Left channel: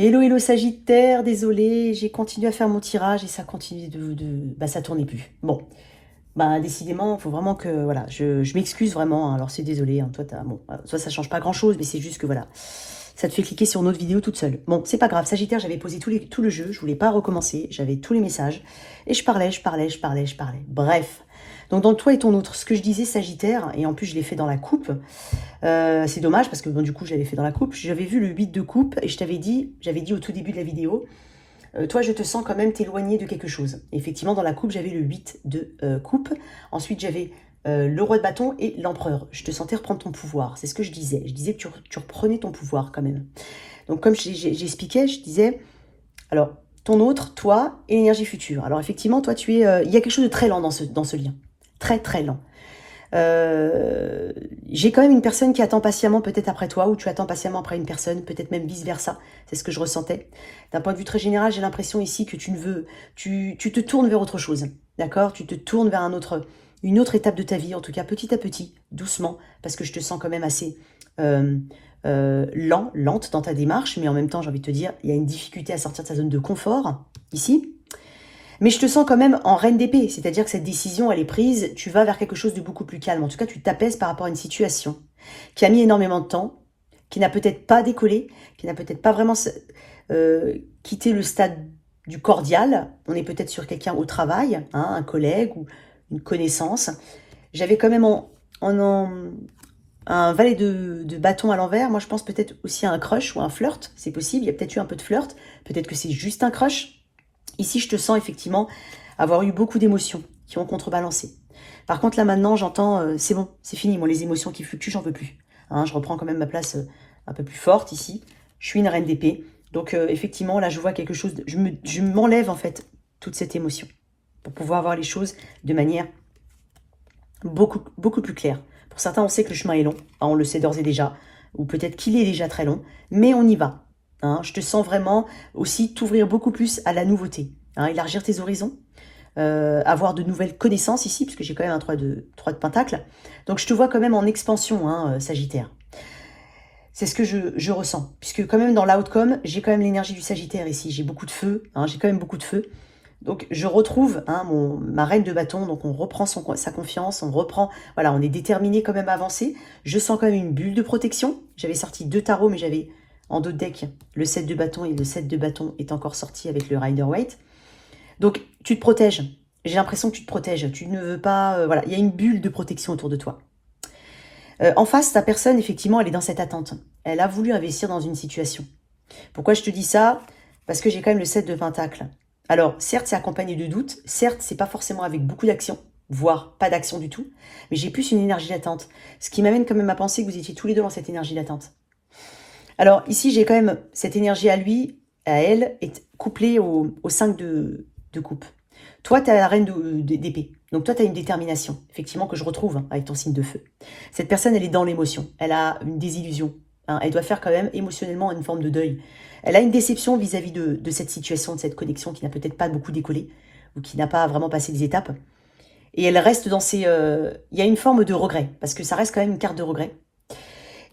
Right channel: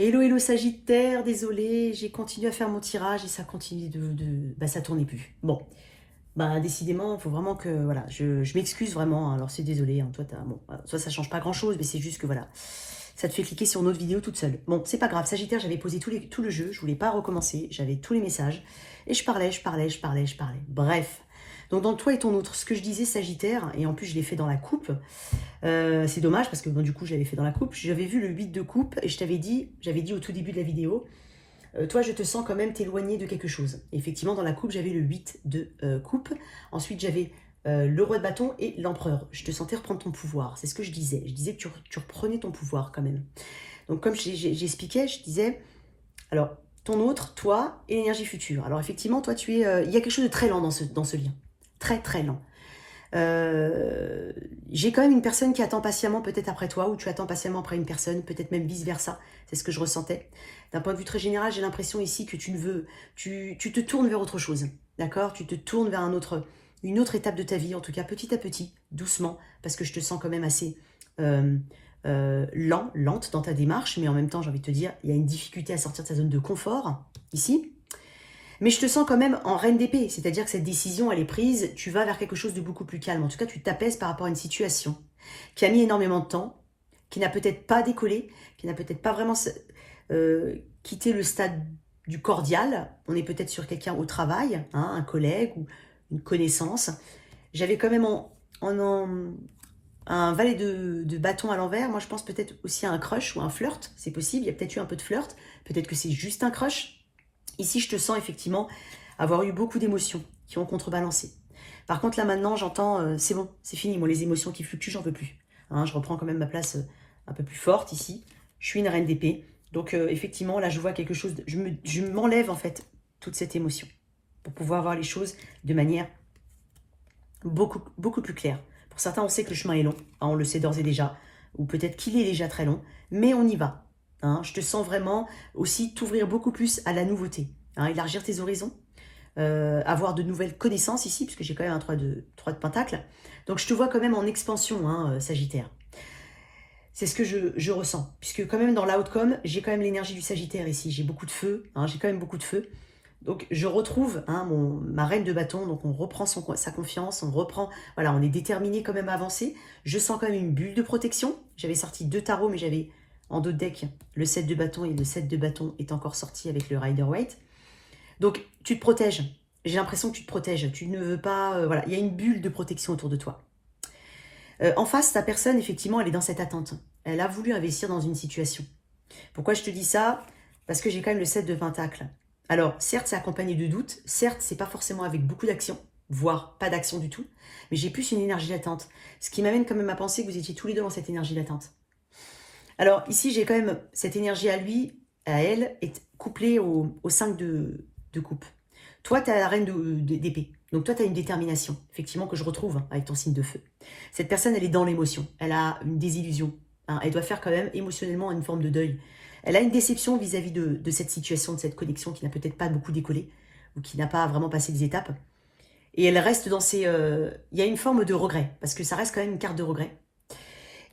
Hello, hello Sagittaire, désolé, j'ai continué à faire mon tirage et ça continue bah ça tournait plus. Bon, bah décidément, il faut vraiment que, voilà, je m'excuse vraiment, hein. Alors c'est désolé, hein, toi, bon, toi ça change pas grand-chose, mais c'est juste que, voilà, ça te fait cliquer sur une autre vidéo toute seule. Bon, c'est pas grave, Sagittaire, j'avais posé tout le jeu, je voulais pas recommencer, j'avais tous les messages, et je parlais. Bref, donc dans le toi et ton autre, ce que je disais Sagittaire, et en plus je l'ai fait dans la coupe, c'est dommage parce que bon, du coup je l'avais fait dans la coupe. J'avais vu le 8 de coupe et j'avais dit au tout début de la vidéo, toi je te sens quand même t'éloigner de quelque chose. Effectivement dans la coupe j'avais le 8 de coupe. Ensuite j'avais le roi de bâton et l'empereur. Je te sentais reprendre ton pouvoir. C'est ce que je disais. Je disais que tu reprenais ton pouvoir quand même. Donc comme j'expliquais, je disais, alors ton autre, toi et l'énergie future. Alors effectivement toi tu es, il y a quelque chose de très lent dans ce lien. Très très lent. J'ai quand même une personne qui attend patiemment peut-être après toi, ou tu attends patiemment après une personne, peut-être même vice-versa. C'est ce que je ressentais. D'un point de vue très général, j'ai l'impression ici que tu te tournes vers autre chose. D'accord? Tu te tournes vers une autre étape de ta vie, en tout cas petit à petit, doucement, parce que je te sens quand même assez lente dans ta démarche, mais en même temps, j'ai envie de te dire, il y a une difficulté à sortir de sa zone de confort, ici. Mais je te sens quand même en reine d'épée, c'est-à-dire que cette décision, elle est prise, tu vas vers quelque chose de beaucoup plus calme. En tout cas, tu t'apaises par rapport à une situation qui a mis énormément de temps, qui n'a peut-être pas décollé, qui n'a peut-être pas vraiment quitté le stade du cordial. On est peut-être sur quelqu'un au travail, hein, un collègue ou une connaissance. J'avais quand même un valet de bâton à l'envers. Moi, je pense peut-être aussi à un crush ou un flirt, c'est possible. Il y a peut-être eu un peu de flirt, peut-être que c'est juste un crush. Ici, je te sens effectivement avoir eu beaucoup d'émotions qui ont contrebalancé. Par contre, là maintenant, j'entends, c'est bon, c'est fini. Moi, les émotions qui fluctuent, j'en veux plus. Hein, je reprends quand même ma place un peu plus forte ici. Je suis une reine d'épée. Donc, effectivement, là, je vois quelque chose. Je m'enlève, en fait, toute cette émotion pour pouvoir voir les choses de manière beaucoup plus claire. Pour certains, on sait que le chemin est long. Hein, on le sait d'ores et déjà. Ou peut-être qu'il est déjà très long. Mais on y va. Hein, je te sens vraiment aussi t'ouvrir beaucoup plus à la nouveauté, hein, élargir tes horizons, avoir de nouvelles connaissances ici, puisque j'ai quand même un 3 de Pentacle. Donc je te vois quand même en expansion, hein, Sagittaire. C'est ce que je ressens, puisque quand même dans l'outcome, j'ai quand même l'énergie du Sagittaire ici. J'ai beaucoup de feu, hein, j'ai quand même beaucoup de feu. Donc je retrouve, hein, ma reine de bâton, donc on reprend sa confiance, on reprend, voilà, on est déterminé quand même à avancer. Je sens quand même une bulle de protection. J'avais sorti 2 tarots, mais j'avais en dos de deck le 7 de bâton, et le 7 de bâton est encore sorti avec le Rider-Waite. Donc tu te protèges, j'ai l'impression que tu te protèges, tu ne veux pas, voilà, il y a une bulle de protection autour de toi. En face, ta personne, effectivement, elle est dans cette attente. Elle a voulu investir dans une situation. Pourquoi je te dis ça? Parce que j'ai quand même le 7 de Pentacle. Alors, certes, c'est accompagné de doutes. Certes, c'est pas forcément avec beaucoup d'action, voire pas d'action du tout. Mais j'ai plus une énergie d'attente. Ce qui m'amène quand même à penser que vous étiez tous les deux dans cette énergie d'attente. Alors, ici, j'ai quand même cette énergie à lui, à elle, est couplée au 5 de coupe. Toi, tu as la reine d'épée. Donc, toi, tu as une détermination, effectivement, que je retrouve, hein, avec ton signe de feu. Cette personne, elle est dans l'émotion. Elle a une désillusion. Hein. Elle doit faire quand même émotionnellement une forme de deuil. Elle a une déception vis-à-vis de cette situation, de cette connexion qui n'a peut-être pas beaucoup décollé ou qui n'a pas vraiment passé des étapes. Et elle reste dans ces... Il y a une forme de regret, parce que ça reste quand même une carte de regret.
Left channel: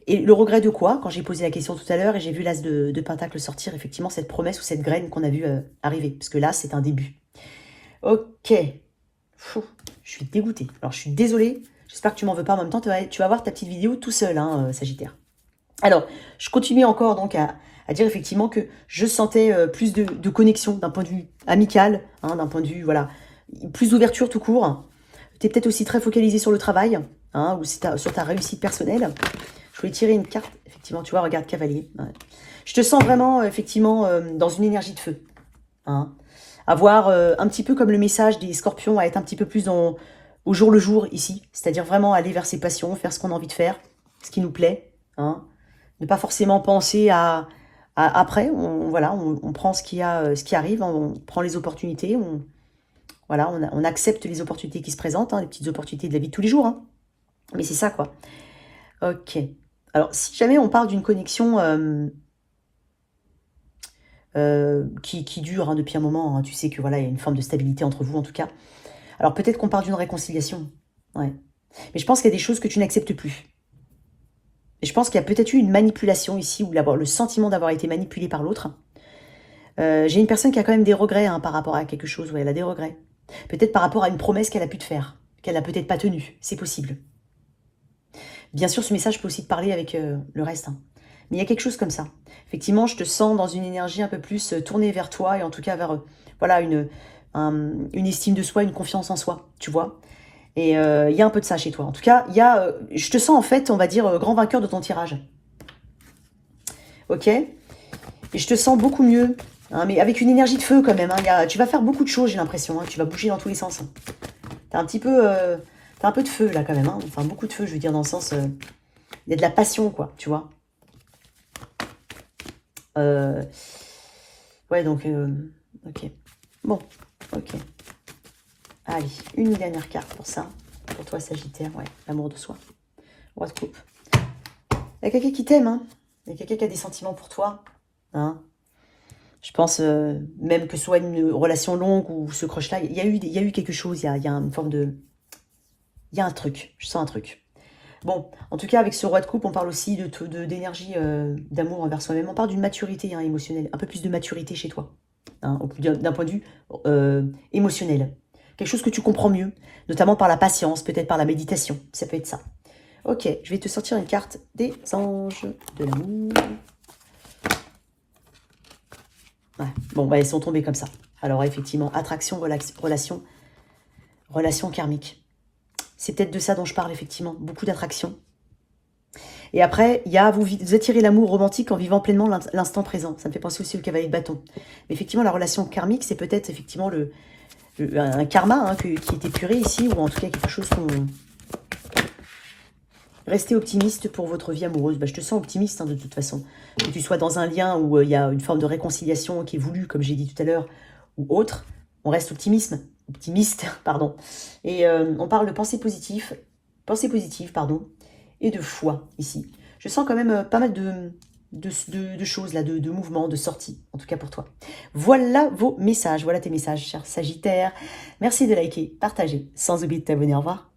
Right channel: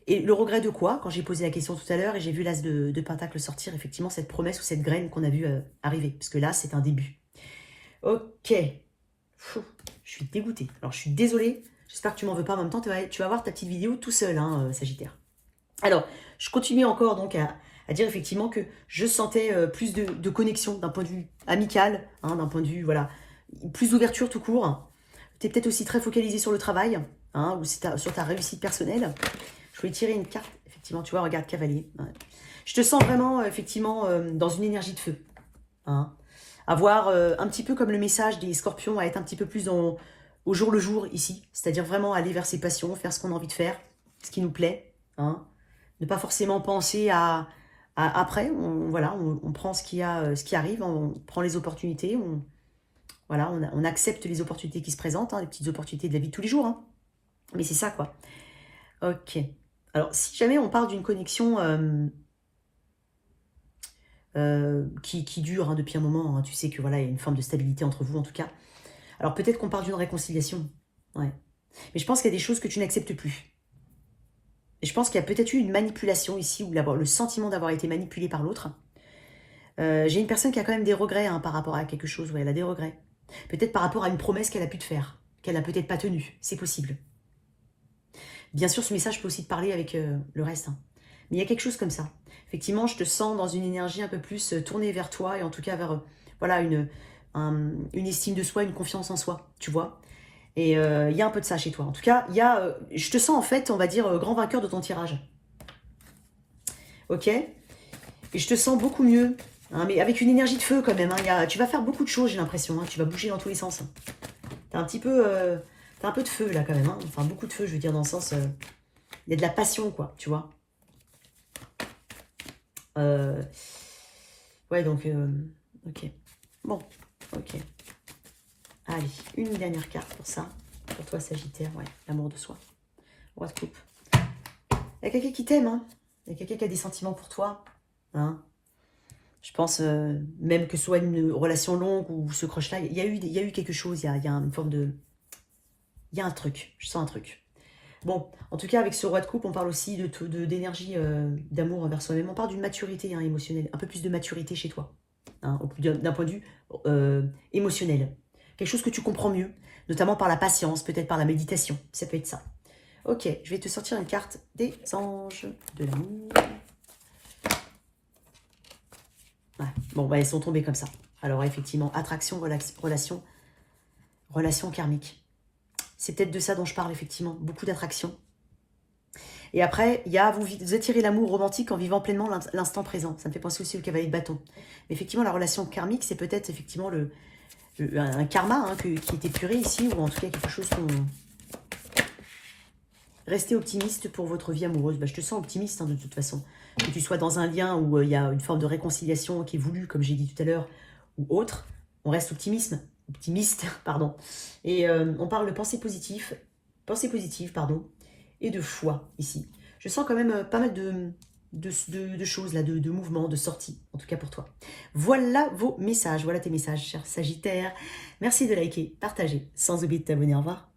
Et le regret de quoi? Quand j'ai posé la question tout à l'heure et j'ai vu l'as de Pentacle sortir, effectivement, cette promesse ou cette graine qu'on a vu arriver. Parce que là, c'est un début. Ok. Fou, je suis dégoûtée. Alors, je suis désolée. J'espère que tu m'en veux pas. En même temps, tu vas voir ta petite vidéo tout seul, hein, Sagittaire. Alors, je continue encore donc à dire effectivement que je sentais plus de connexion d'un point de vue amical, hein, d'un point de vue, voilà, plus d'ouverture tout court. Tu es peut-être aussi très focalisé sur le travail, hein, ou sur ta réussite personnelle. Je voulais tirer une carte, effectivement, tu vois, regarde, cavalier. Ouais. Je te sens vraiment, effectivement, dans une énergie de feu. Hein. Avoir un petit peu comme le message des scorpions, à être un petit peu plus au jour le jour ici. C'est-à-dire vraiment aller vers ses passions, faire ce qu'on a envie de faire, ce qui nous plaît. Hein. Ne pas forcément penser après. Voilà, on prend ce qui arrive, on prend les opportunités, voilà, on accepte les opportunités qui se présentent, hein, les petites opportunités de la vie de tous les jours. Hein. Mais c'est ça, quoi. Ok. Alors, si jamais on parle d'une connexion qui dure, hein, depuis un moment, hein, tu sais que voilà, il y a une forme de stabilité entre vous en tout cas. Alors peut-être qu'on parle d'une réconciliation. Ouais. Mais je pense qu'il y a des choses que tu n'acceptes plus. Et je pense qu'il y a peut-être eu une manipulation ici, ou le sentiment d'avoir été manipulé par l'autre. J'ai une personne qui a quand même des regrets par rapport à quelque chose. Ouais, elle a des regrets. Peut-être par rapport à une promesse qu'elle a pu te faire, qu'elle n'a peut-être pas tenue. C'est possible. Bien sûr, ce message peut aussi te parler avec le reste. Mais il y a quelque chose comme ça. Effectivement, je te sens dans une énergie un peu plus tournée vers toi et en tout cas vers voilà, une estime de soi, une confiance en soi, tu vois. Et il y a un peu de ça chez toi. En tout cas, je te sens en fait, on va dire, grand vainqueur de ton tirage. Ok. Et je te sens beaucoup mieux, mais avec une énergie de feu quand même. Tu vas faire beaucoup de choses, j'ai l'impression. Tu vas bouger dans tous les sens. T'as un petit peu... t'as un peu de feu là quand même. Enfin, beaucoup de feu, je veux dire, dans le sens... il y a de la passion, quoi, tu vois. Ouais, donc... ok. Bon, ok. Allez, une dernière carte pour ça. Pour toi, Sagittaire, ouais, l'amour de soi. Roi de coupe. Il y a quelqu'un qui t'aime, Il y a quelqu'un qui a des sentiments pour toi, Je pense, même que ce soit une relation longue ou ce crush-là, il y a eu quelque chose, il y a une forme de... Il y a un truc, je sens un truc. Bon, en tout cas, avec ce roi de coupe, on parle aussi d'énergie, d'amour envers soi-même. On parle d'une maturité émotionnelle, un peu plus de maturité chez toi, d'un point de vue émotionnel. Quelque chose que tu comprends mieux, notamment par la patience, peut-être par la méditation. Ça peut être ça. Ok, je vais te sortir une carte des anges de l'amour. Ouais. Bon, bah, elles sont tombées comme ça. Alors, effectivement, attraction, relation karmique. C'est peut-être de ça dont je parle, effectivement. Beaucoup d'attraction. Et après, il y a vous attirez l'amour romantique en vivant pleinement l'instant présent. Ça me fait penser aussi au cavalier de bâton. Mais effectivement, la relation karmique, c'est peut-être effectivement un karma qui est épuré ici, ou en tout cas quelque chose qu'on... Restez optimiste pour votre vie amoureuse. Bah, je te sens optimiste de toute façon. Que tu sois dans un lien où il y a une forme de réconciliation qui est voulue, comme j'ai dit tout à l'heure, ou autre, on reste optimiste, pardon. Et on parle de pensée positive, pardon, et de foi ici. Je sens quand même pas mal de choses là, de mouvements, de sorties, en tout cas pour toi. Voilà vos messages, voilà tes messages, cher Sagittaire. Merci de liker, partager, sans oublier de t'abonner. Au revoir.